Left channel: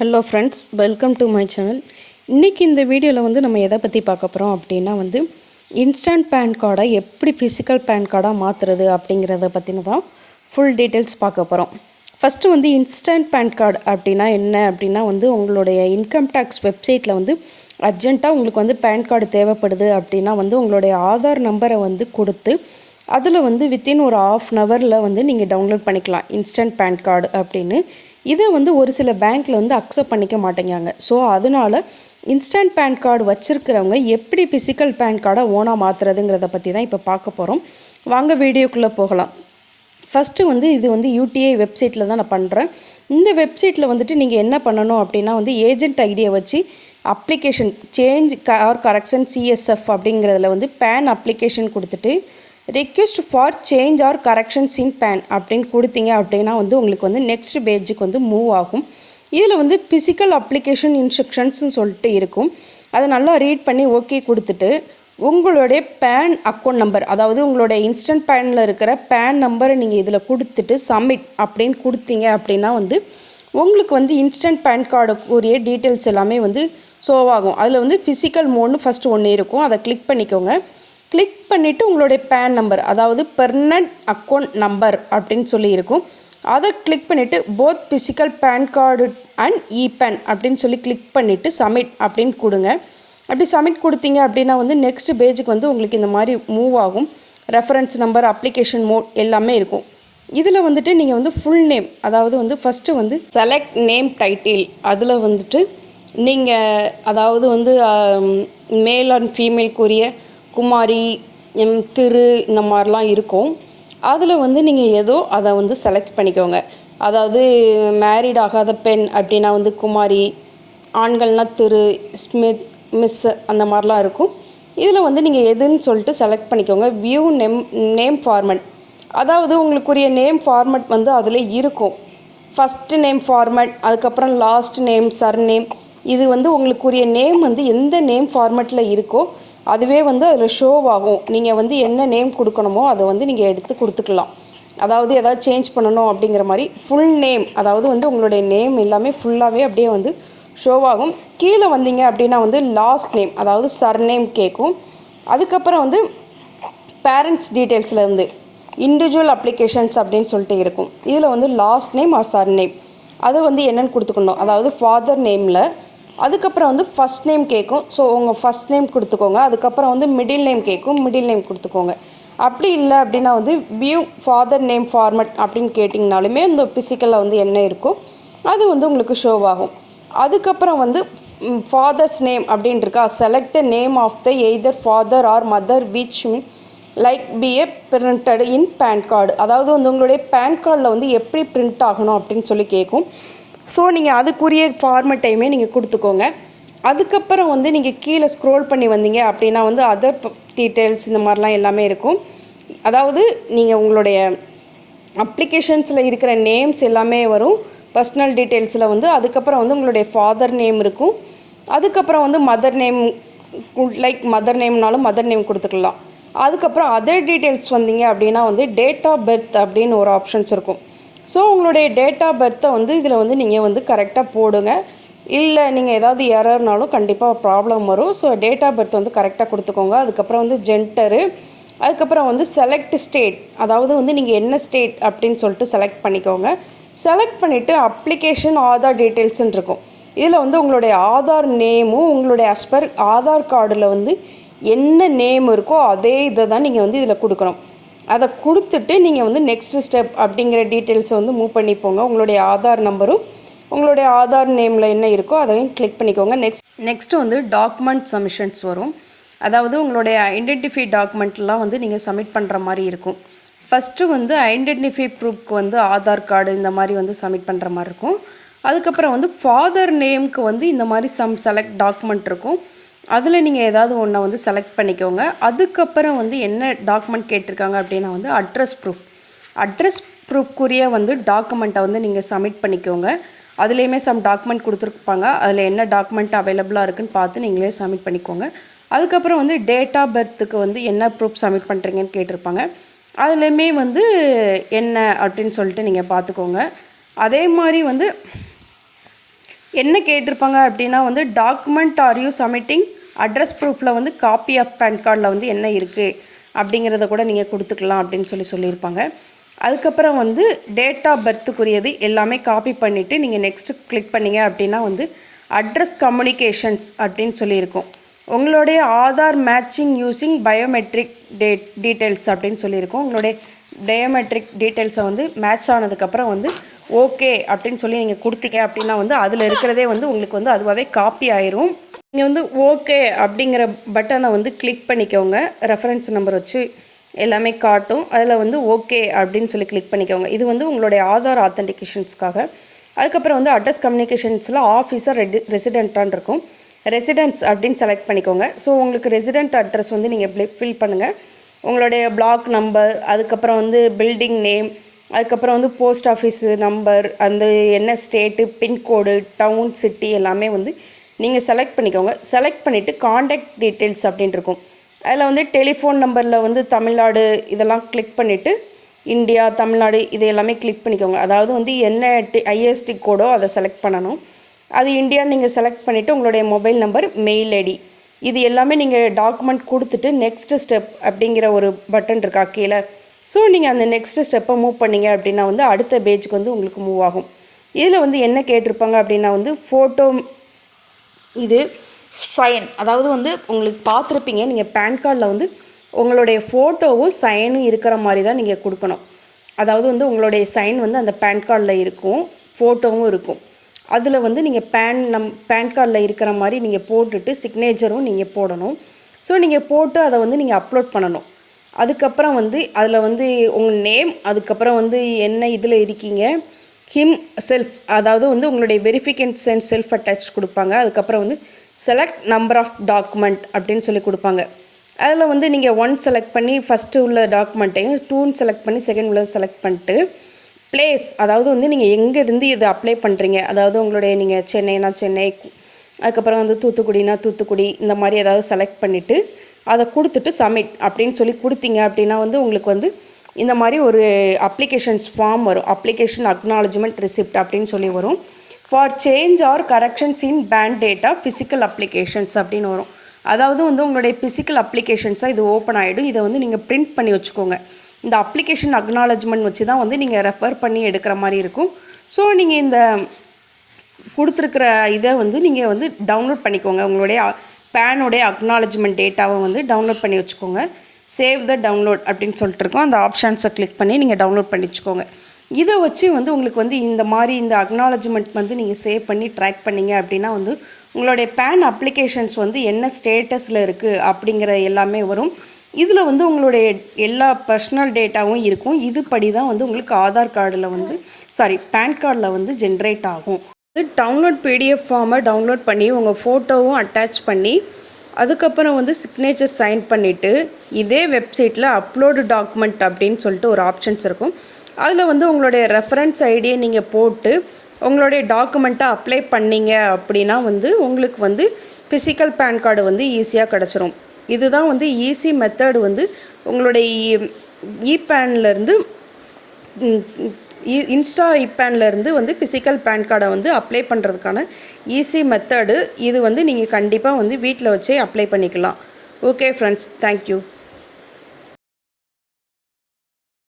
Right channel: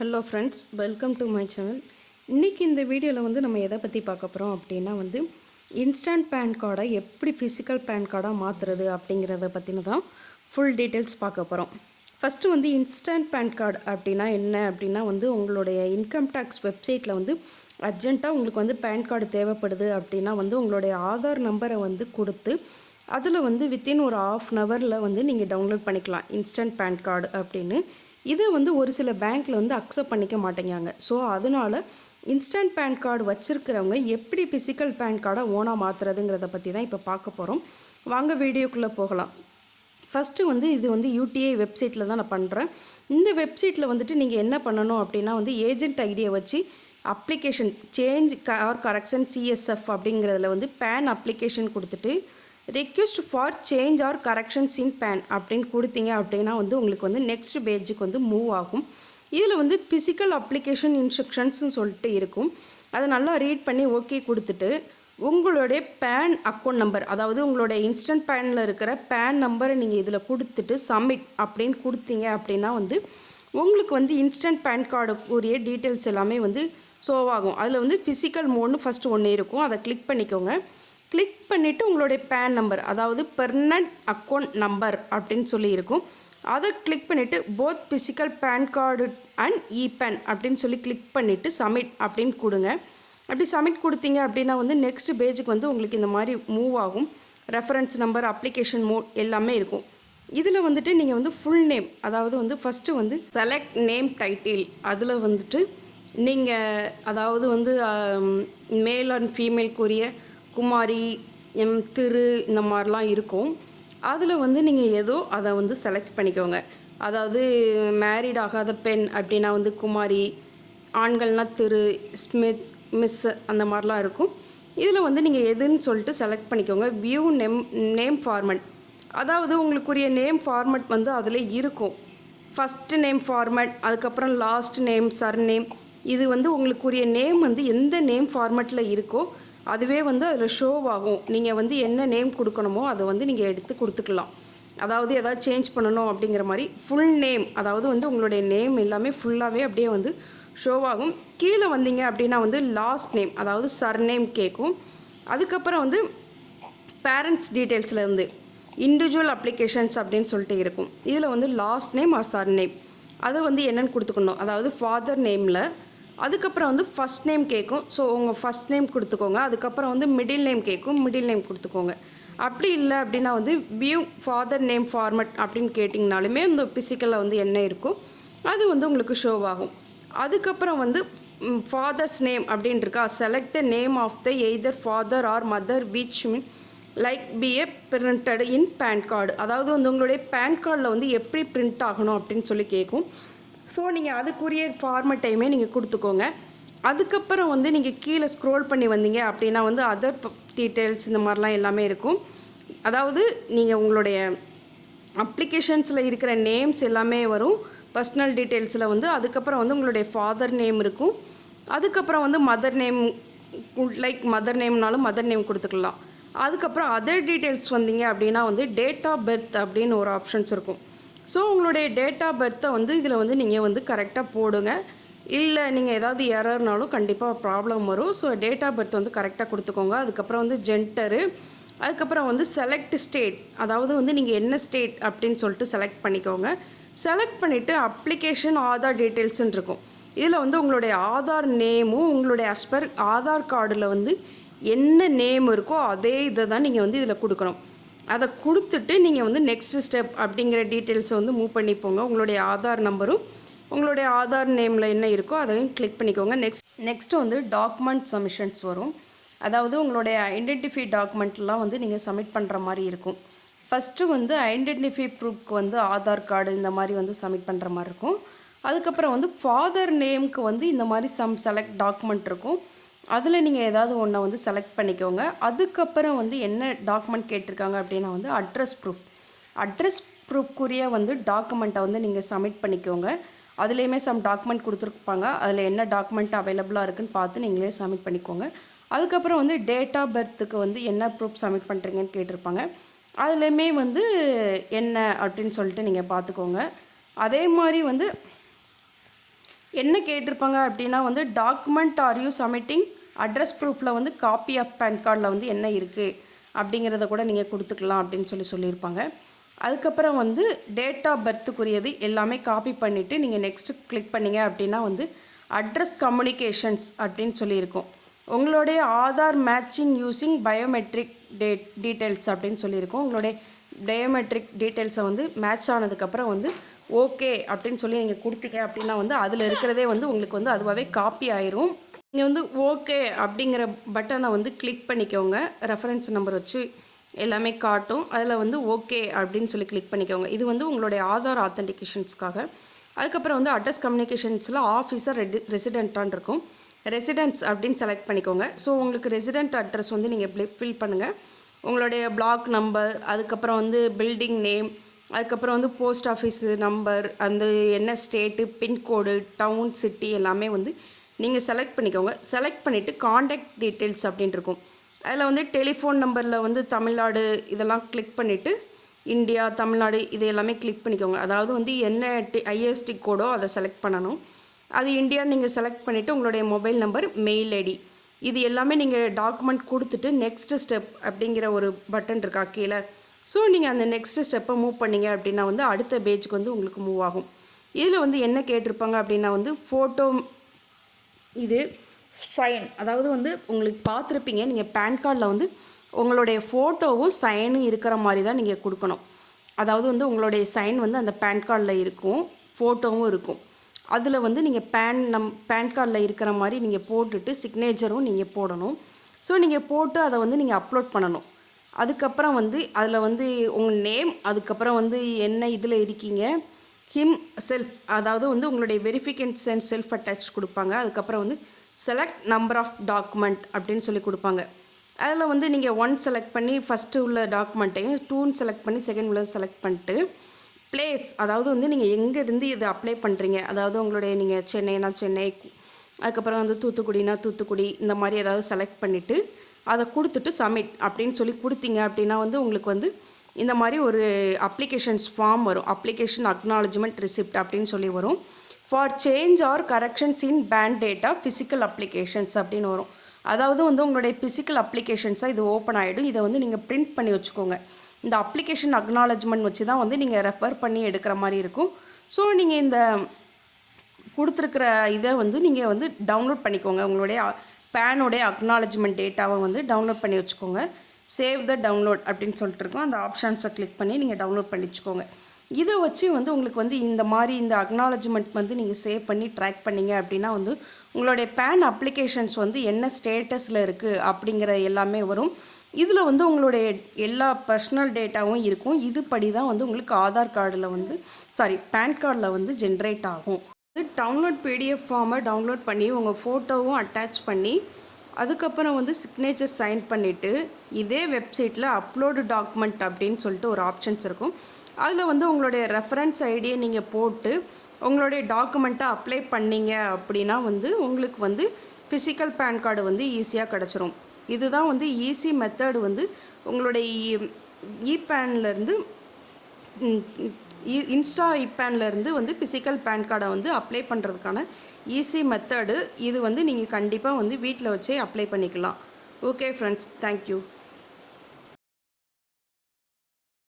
Hello friends, welcome to my channel. இன்றைக்கி இந்த வீடியோவில் வந்து நம்ம எதை பற்றி பார்க்க போகிறோம் அப்படின்னா வந்து இன்ஸ்டன்ட் பேன் கார்டை எப்படி ஃபிசிக்கல் பேன் கார்டாக மாற்றுறது அப்படிங்கிறத பற்றின தான் ஃபுல் டீட்டெயில்ஸ் பார்க்க போகிறோம். ஃபஸ்ட்டு வந்து இன்ஸ்டன்ட் பேன் கார்டு அப்படின்னா என்ன அப்படின்னா வந்து உங்களுடைய இன்கம் டேக்ஸ் வெப்சைட்டில் வந்து அர்ஜெண்ட்டாக உங்களுக்கு வந்து பேன் கார்டு தேவைப்படுது அப்படின்னா வந்து உங்களுடைய ஆதார் நம்பரை வந்து கொடுத்து அதில் வந்து வித்தின் ஒரு ½ வந்து நீங்கள் டவுன்லோட் பண்ணிக்கலாம் இன்ஸ்டன்ட் பேன் கார்டு அப்படின்னு. இதை வந்து ஒரு சில பேங்க்கில் வந்து அக்செப்ட் பண்ணிக்க மாட்டேங்காங்க. ஸோ அதனால் இன்ஸ்டன்ட் பேன் கார்டு வச்சுருக்கிறவங்க எப்படி ஃபிசிக்கல் பேன் கார்டை ஓனாக மாற்றுறதுங்கிறத பற்றி தான் இப்போ பார்க்க போகிறோம். வாங்க வீடியோக்குள்ளே போகலாம். ஃபஸ்ட்டு வந்து இது வந்து யூடிஐ வெப்சைட்டில் தான் நான் பண்ணுறேன். இந்த வெப்சைட்டில் வந்துட்டு நீங்கள் என்ன பண்ணணும் அப்படின்னா வந்து ஏஜென்ட் ஐடியை வச்சு application change or correction CSF அப்படிங்கிறதுல வந்து பேன் அப்ளிகேஷன் கொடுத்துட்டு request for change or corrections in PAN அப்படின்னு கொடுத்தீங்க அப்படின்னா வந்து உங்களுக்கு வந்து நெக்ஸ்ட் பேஜுக்கு வந்து மூவ் ஆகும். இதில் வந்து ஃபிசிக்கல் அப்ளிகேஷன் இன்ஸ்ட்ரக்ஷன்ஸ்னு சொல்லிட்டு இருக்கும். அதை நல்லா ரீட் பண்ணி ஓகே கொடுத்துட்டு உங்களுடைய பேன் அக்கௌண்ட் நம்பர், அதாவது உங்களுடைய இன்ஸ்டன்ட் பேனில் இருக்கிற பேன் நம்பரை நீங்கள் இதில் கொடுத்துட்டு சப்மிட் அப்படின்னு கொடுத்தீங்க அப்படின்னா வந்து உங்களுக்கு வந்து இன்ஸ்டன்ட் பேன் கார்டுக்குரிய டீட்டெயில்ஸ் எல்லாமே வந்து ஷோவாகும். அதில் வந்து ஃபிசிக்கல் மோட்னு ஃபஸ்ட்டு ஒன்று இருக்கும், அதை கிளிக் பண்ணிக்கோங்க. கிளிக் பண்ணிவிட்டு உங்களுடைய பேன் நம்பர், அதாவது பெர்மனன்ட் அக்கௌண்ட் நம்பர் அப்படின்னு சொல்லி இருக்கும், அதை கிளிக் பண்ணிவிட்டு both physical PAN card and ePAN அப்படின்னு சொல்லி கிளிக் பண்ணிவிட்டு சப்மிட் அப்படின்னு கொடுங்க. அப்படி சப்மிட் கொடுத்தீங்க அப்படின்னா வந்து நெக்ஸ்ட் பேஜுக்கு வந்து உங்களுக்கு இந்த மாதிரி மூவ் ஆகும். ரெஃபரன்ஸ் நம்பர், அப்ளிகேஷன் மோட் எல்லாமே இருக்கும். இதில் வந்துட்டு நீங்கள் வந்து ஃபுல் நேம், அதாவது வந்து ஃபஸ்ட்டு வந்து செலக்ட் நேம் டைட்டில், அதில் வந்துட்டு நீங்கள் அதாவது வந்து மேல் அண்ட் ஃபீமேல்க்குரிய குமாரி, திரு இந்த மாதிரிலாம் இருக்கும். அதில் வந்து நீங்கள் ஏதோ அதை வந்து செலக்ட் பண்ணிக்கோங்க. அதாவது மேரிட் ஆகாத பெண் அப்படின்னா வந்து குமாரி, ஆண்கள்னால் திரு, ஸ்மித், மிஸ் அந்த மாதிரிலாம் இருக்கும். இதில் வந்து நீங்கள் எதுன்னு சொல்லிட்டு செலக்ட் பண்ணிக்கோங்க. வியூ நேம் ஃபார்மட், அதாவது உங்களுக்குரிய நேம் ஃபார்மட் வந்து அதில் இருக்கும். ஃபஸ்ட்டு நேம் ஃபார்மட், அதுக்கப்புறம் லாஸ்ட் நேம், சர் நேம், இது வந்து உங்களுக்குரிய நேம் வந்து எந்த நேம் ஃபார்மட்டில் இருக்கோ அதுவே வந்து அதில் ஷோவ் ஆகும். நீங்கள் வந்து என்ன நேம் கொடுக்கணுமோ அதை வந்து நீங்கள் எடுத்து கொடுத்துக்கலாம். அதாவது எதாவது சேஞ்ச் பண்ணணும் அப்படிங்கிற மாதிரி ஃபுல் நேம், அதாவது வந்து உங்களுடைய நேம் எல்லாமே ஃபுல்லாகவே அப்படியே வந்து ஷோவ் ஆகும். கீழே வந்தீங்க அப்படின்னா வந்து லாஸ்ட் நேம், அதாவது சர் நேம் கேட்கும். அதுக்கப்புறம் வந்து பேரண்ட்ஸ் டீட்டெயில்ஸ்லேருந்து இண்டிவிஜுவல் அப்ளிகேஷன்ஸ் அப்படின்னு சொல்லிட்டு இருக்கும். இதில் வந்து last name or surname name வந்து என்னென்னு கொடுத்துக்கணும். அதாவது ஃபாதர் நேமில் அதுக்கப்புறம் வந்து ஃபஸ்ட் நேம் கேட்கும். ஸோ உங்கள் ஃபஸ்ட் நேம் கொடுத்துக்கோங்க. அதுக்கப்புறம் வந்து மிடில் நேம் கேட்கும், மிடில் நேம் கொடுத்துக்கோங்க. அப்படி இல்லை அப்படின்னா வந்து வியூ ஃபாதர் நேம் ஃபார்மட் அப்படின்னு கேட்டிங்கனாலுமே அந்த ஃபிசிக்கலில் வந்து என்ன இருக்கோ அது வந்து உங்களுக்கு ஷோவ் ஆகும். அதுக்கப்புறம் வந்து ஃபாதர்ஸ் நேம் அப்படின்னு இருக்கா, select the name of the either father or mother which like be a printed in PAN card, அதாவது வந்து உங்களுடைய பேன் கார்டில் வந்து எப்படி பிரிண்ட் ஆகணும் அப்படின்னு சொல்லி கேட்கும். ஸோ நீங்கள் அதுக்குரிய ஃபார்மட்டையுமே நீங்கள் கொடுத்துக்கோங்க. அதுக்கப்புறம் வந்து நீங்கள் கீழே ஸ்க்ரோல் பண்ணி வந்தீங்க அப்படின்னா வந்து அதர் டீட்டெயில்ஸ் இந்த மாதிரிலாம் எல்லாமே இருக்கும். அதாவது நீங்கள் உங்களுடைய அப்ளிகேஷன்ஸில் இருக்கிற நேம்ஸ் எல்லாமே வரும். பர்சனல் டீட்டெயில்ஸில் வந்து அதுக்கப்புறம் வந்து உங்களுடைய ஃபாதர் நேம் இருக்கும். அதுக்கப்புறம் வந்து மதர் நேம், லைக் மதர் நேம்னாலும் மதர் நேம் கொடுத்துக்கலாம். அதுக்கப்புறம் அதர் டீட்டெயில்ஸ் வந்தீங்க அப்படின்னா வந்து டேட் ஆஃப் பர்த் அப்படின்னு ஒரு ஆப்ஷன்ஸ் இருக்கும். ஸோ உங்களுடைய டேட் ஆஃப் பர்த்தை வந்து இதில் வந்து நீங்கள் வந்து கரெக்டாக போடுங்க. இல்லை நீங்கள் ஏதாவது எரர்னாலும் கண்டிப்பாக ப்ராப்ளம் வரும். ஸோ டேட் ஆஃப் பர்த் வந்து கரெக்டாக கொடுத்துக்கோங்க. அதுக்கப்புறம் வந்து ஜென்டரு, அதுக்கப்புறம் வந்து செலக்ட் ஸ்டேட், அதாவது வந்து நீங்கள் என்ன ஸ்டேட் அப்படின்னு சொல்லிட்டு செலக்ட் பண்ணிக்கோங்க. செலக்ட் பண்ணிவிட்டு அப்ளிகேஷன் ஆதார் டீட்டெயில்ஸ்ன்னு இருக்கும். இதில் வந்து உங்களுடைய ஆதார் நேமும் உங்களுடைய அஸ்பர் ஆதார் கார்டில் வந்து என்ன நேம் இருக்கோ அதே இதை தான் நீங்கள் வந்து இதில் கொடுக்கணும். அதை கொடுத்துட்டு நீங்கள் வந்து நெக்ஸ்ட் ஸ்டெப் அப்படிங்கிற டீட்டெயில்ஸை வந்து மூவ் பண்ணிப்போங்க. உங்களுடைய ஆதார் நம்பரும் உங்களுடைய ஆதார் நேமில் என்ன இருக்கோ அதையும் கிளிக் பண்ணிக்கோங்க. நெக்ஸ்ட்டு வந்து டாக்குமெண்ட் சப்மிஷன்ஸ் வரும். அதாவது உங்களுடைய ஐடென்டிஃபை டாக்குமெண்ட்லாம் வந்து நீங்கள் சப்மிட் பண்ணுற மாதிரி இருக்கும். ஃபஸ்ட்டு வந்து ஐடென்டிஃபை ப்ரூஃப்க்கு வந்து ஆதார் கார்டு இந்த மாதிரி வந்து சப்மிட் பண்ணுற மாதிரி இருக்கும். அதுக்கப்புறம் வந்து ஃபாதர் நேமுக்கு வந்து இந்த மாதிரி செலக்ட் டாக்குமெண்ட் இருக்கும். அதில் நீங்கள் ஏதாவது ஒன்றை வந்து செலக்ட் பண்ணிக்கோங்க. அதுக்கப்புறம் வந்து என்ன டாக்குமெண்ட் கேட்டிருக்காங்க அப்படின்னா வந்து அட்ரஸ் ப்ரூஃப்க்குரிய வந்து டாக்குமெண்ட்டை வந்து நீங்கள் சப்மிட் பண்ணிக்கோங்க. அதுலேயுமே சம் டாக்குமெண்ட் கொடுத்துருப்பாங்க. அதில் என்ன டாக்குமெண்ட் அவைலபிளாக இருக்குதுன்னு பார்த்து நீங்களே சப்மிட் பண்ணிக்கோங்க. அதுக்கப்புறம் வந்து டேட் ஆஃப் பர்த்துக்கு வந்து என்ன ப்ரூஃப் சப்மிட் பண்ணுறீங்கன்னு கேட்டிருப்பாங்க. அதுலேயுமே வந்து என்ன அப்படின்னு சொல்லிட்டு நீங்கள் பார்த்துக்கோங்க. அதே மாதிரி வந்து என்ன கேட்டிருப்பாங்க அப்படின்னா வந்து document are you submitting address ப்ரூஃபில் வந்து காப்பி ஆஃப் பேன் கார்டில் வந்து என்ன இருக்குது அப்படிங்கிறத கூட நீங்கள் கொடுத்துக்கலாம் அப்படின்னு சொல்லியிருப்பாங்க. அதுக்கப்புறம் வந்து டேட் ஆஃப் பர்த்துக்குரியது எல்லாமே காப்பி பண்ணிவிட்டு நீங்கள் நெக்ஸ்ட்டு கிளிக் பண்ணிங்க அப்படின்னா வந்து அட்ரஸ் கம்யூனிகேஷன்ஸ் அப்படின்னு சொல்லியிருக்கோம். உங்களுடைய Aadhaar matching using biometric details அப்படின்னு சொல்லியிருக்கோம். உங்களுடைய பயோமெட்ரிக் டீட்டெயில்ஸை வந்து மேட்ச் ஆனதுக்கப்புறம் வந்து ஓகே அப்படின்னு சொல்லி நீங்கள் கொடுத்தீங்க அப்படின்னா வந்து அதில் இருக்கிறதே வந்து உங்களுக்கு வந்து அதுவாகவே காப்பி ஆயிரும். நீங்கள் வந்து ஓகே அப்படிங்கிற பட்டனை வந்து கிளிக் பண்ணிக்கோங்க. ரெஃபரன்ஸ் நம்பர் வச்சு எல்லாமே காட்டும். அதில் வந்து ஓகே அப்படின்னு சொல்லி கிளிக் பண்ணிக்கோங்க. இது வந்து உங்களுடைய ஆதார் ஆத்தென்டிகேஷன்ஸ்க்காக. அதுக்கப்புறம் வந்து அட்ரஸ் கம்யூனிகேஷன்ஸில் ஆஃபீஸர் ரெசிடென்ட்டான் இருக்கும். ரெசிடென்ட்ஸ் அப்படின்னு செலக்ட் பண்ணிக்கோங்க. ஸோ உங்களுக்கு ரெசிடென்ட் அட்ரஸ் வந்து நீங்கள் ஃபில் பண்ணுங்கள். உங்களுடைய பிளாக் நம்பர், அதுக்கப்புறம் வந்து பில்டிங் நேம், அதுக்கப்புறம் வந்து போஸ்ட் ஆஃபீஸு நம்பர், அந்த என்ன ஸ்டேட்டு, பின்கோடு, டவுன், சிட்டி எல்லாமே வந்து நீங்கள் செலக்ட் பண்ணிக்கோங்க. செலக்ட் பண்ணிவிட்டு காண்டாக்ட் டீட்டெயில்ஸ் அப்படின்னு இருக்கும். அதில் வந்து டெலிஃபோன் நம்பரில் வந்து தமிழ்நாடு இதெல்லாம் கிளிக் பண்ணிவிட்டு இந்தியா, தமிழ்நாடு இது எல்லாமே கிளிக் பண்ணிக்கோங்க. அதாவது வந்து என்ன ஐஎஸ்டி கோடோ அதை செலக்ட் பண்ணணும். அது இந்தியா நீங்கள் செலக்ட் பண்ணிவிட்டு உங்களுடைய மொபைல் நம்பர், மெயில் ஐடி இது எல்லாமே நீங்கள் டாக்குமெண்ட் கொடுத்துட்டு நெக்ஸ்ட்டு ஸ்டெப் அப்படிங்கிற ஒரு பட்டன் இருக்கா கீழே. ஸோ நீங்கள் அந்த நெக்ஸ்ட்டு ஸ்டெப்பை மூவ் பண்ணிங்க அப்படின்னா வந்து அடுத்த பேஜுக்கு வந்து உங்களுக்கு மூவ் ஆகும். இதில் வந்து என்ன கேட்டிருப்பாங்க அப்படின்னா வந்து ஃபோட்டோ, இது சைன், அதாவது வந்து உங்களுக்கு பார்த்துருப்பீங்க நீங்கள் பேன் கார்டில் வந்து உங்களுடைய ஃபோட்டோவும் சைனும் இருக்கிற மாதிரி தான் நீங்கள் கொடுக்கணும். அதாவது வந்து உங்களுடைய சைன் வந்து அந்த பேன் கார்டில் இருக்கும், ஃபோட்டோவும் இருக்கும். அதில் வந்து நீங்கள் பேன் கார்டில் இருக்கிற மாதிரி நீங்கள் போட்டுட்டு சிக்னேச்சரும் நீங்கள் போடணும். ஸோ நீங்கள் போட்டு அதை வந்து நீங்கள் அப்லோட் பண்ணணும். அதுக்கப்புறம் வந்து அதில் வந்து உங்கள் நேம், அதுக்கப்புறம் வந்து என்ன இதில் இருக்கீங்க, ஹிம் செல்ஃப், அதாவது வந்து உங்களுடைய வெரிஃபிகேஷன் செல்ஃப் அட்டாச் கொடுப்பாங்க. அதுக்கப்புறம் வந்து செலக்ட் நம்பர் ஆஃப் டாக்குமெண்ட் அப்படின்னு சொல்லி கொடுப்பாங்க. அதில் வந்து நீங்கள் 1 செலக்ட் பண்ணி ஃபஸ்ட்டு உள்ள டாக்குமெண்ட்டையும் 2 செலக்ட் பண்ணி செகண்ட் உள்ள செலக்ட் பண்ணிட்டு பிளேஸ், அதாவது வந்து நீங்கள் எங்கேருந்து இதை அப்ளை பண்ணுறீங்க, அதாவது உங்களுடைய நீங்கள் சென்னைனா சென்னை, அதுக்கப்புறம் வந்து தூத்துக்குடினா தூத்துக்குடி, இந்த மாதிரி ஏதாவது செலக்ட் பண்ணிவிட்டு அதை கொடுத்துட்டு சப்மிட் அப்படின்னு சொல்லி கொடுத்தீங்க அப்படின்னா வந்து உங்களுக்கு வந்து இந்த மாதிரி ஒரு அப்ளிகேஷன்ஸ் ஃபார்ம் வரும். அப்ளிகேஷன் அக்னாலஜ்மெண்ட் ரிசிப்ட் அப்படின்னு சொல்லி வரும். For change or corrections in bank data physical applications அப்படின்னு வரும். அதாவது வந்து உங்களுடைய ஃபிசிக்கல் அப்ளிகேஷன்ஸாக இது ஓப்பன் ஆகிடும். இதை வந்து நீங்கள் பிரிண்ட் பண்ணி வச்சுக்கோங்க. இந்த அப்ளிகேஷன் அக்னாலஜ்மெண்ட் வச்சு தான் வந்து நீங்கள் ரெஃபர் பண்ணி எடுக்கிற மாதிரி இருக்கும். ஸோ நீங்கள் இந்த கொடுத்துருக்கிற இதை வந்து நீங்கள் வந்து டவுன்லோட் பண்ணிக்கோங்க. உங்களுடைய பேனுடைய அக்னாலஜ்மெண்ட் டேட்டாவை வந்து டவுன்லோட் பண்ணி வச்சுக்கோங்க. சேவ் த டவுன்லோட் அப்படின்னு சொல்லிட்டு இருக்கோம். அந்த ஆப்ஷன்ஸை கிளிக் பண்ணி நீங்கள் டவுன்லோட் பண்ணி வச்சுக்கோங்க. இதை வச்சு வந்து உங்களுக்கு வந்து இந்த மாதிரி இந்த அக்னாலஜ்மெண்ட் வந்து நீங்கள் சேவ் பண்ணி ட்ராக் பண்ணிங்க அப்படின்னா வந்து உங்களுடைய பேன் அப்ளிகேஷன்ஸ் வந்து என்ன ஸ்டேட்டஸில் இருக்குது அப்படிங்கிற எல்லாமே வரும். இதில் வந்து உங்களுடைய எல்லா பர்சனல் டேட்டாவும் இருக்கும். இதுபடி தான் வந்து உங்களுக்கு ஆதார் கார்டில் வந்து பேன் கார்டில் வந்து ஜென்ரேட் ஆகும். டவுன்லோட் பிடிஎஃப் ஃபார்மை டவுன்லோட் பண்ணி உங்கள் ஃபோட்டோவும் அட்டாச் பண்ணி அதுக்கப்புறம் வந்து சிக்னேச்சர் சைன் பண்ணிவிட்டு இதே வெப்சைட்டில் அப்லோடு டாக்குமெண்ட் அப்படின்னு சொல்லிட்டு ஒரு ஆப்ஷன்ஸ் இருக்கும். அதில் வந்து உங்களுடைய ரெஃபரன்ஸ் ஐடியை நீங்கள் போட்டு உங்களுடைய டாக்குமெண்ட்டை அப்ளை பண்ணிங்க அப்படின்னா வந்து உங்களுக்கு வந்து ஃபிசிக்கல் பேன் கார்டு வந்து ஈஸியாக கிடச்சிரும். இதுதான் வந்து ஈஸி மெத்தடு வந்து உங்களுடைய இபேன்லேருந்து இன்ஸ்டா இபேன்லேருந்து வந்து ஃபிசிக்கல் பேன் கார்டை வந்து அப்ளை பண்ணுறதுக்கான ஈஸி மெத்தடு. இது வந்து நீங்கள் கண்டிப்பாக வந்து வீட்டில் வச்சே அப்ளை பண்ணிக்கலாம். Okay friends, thank you.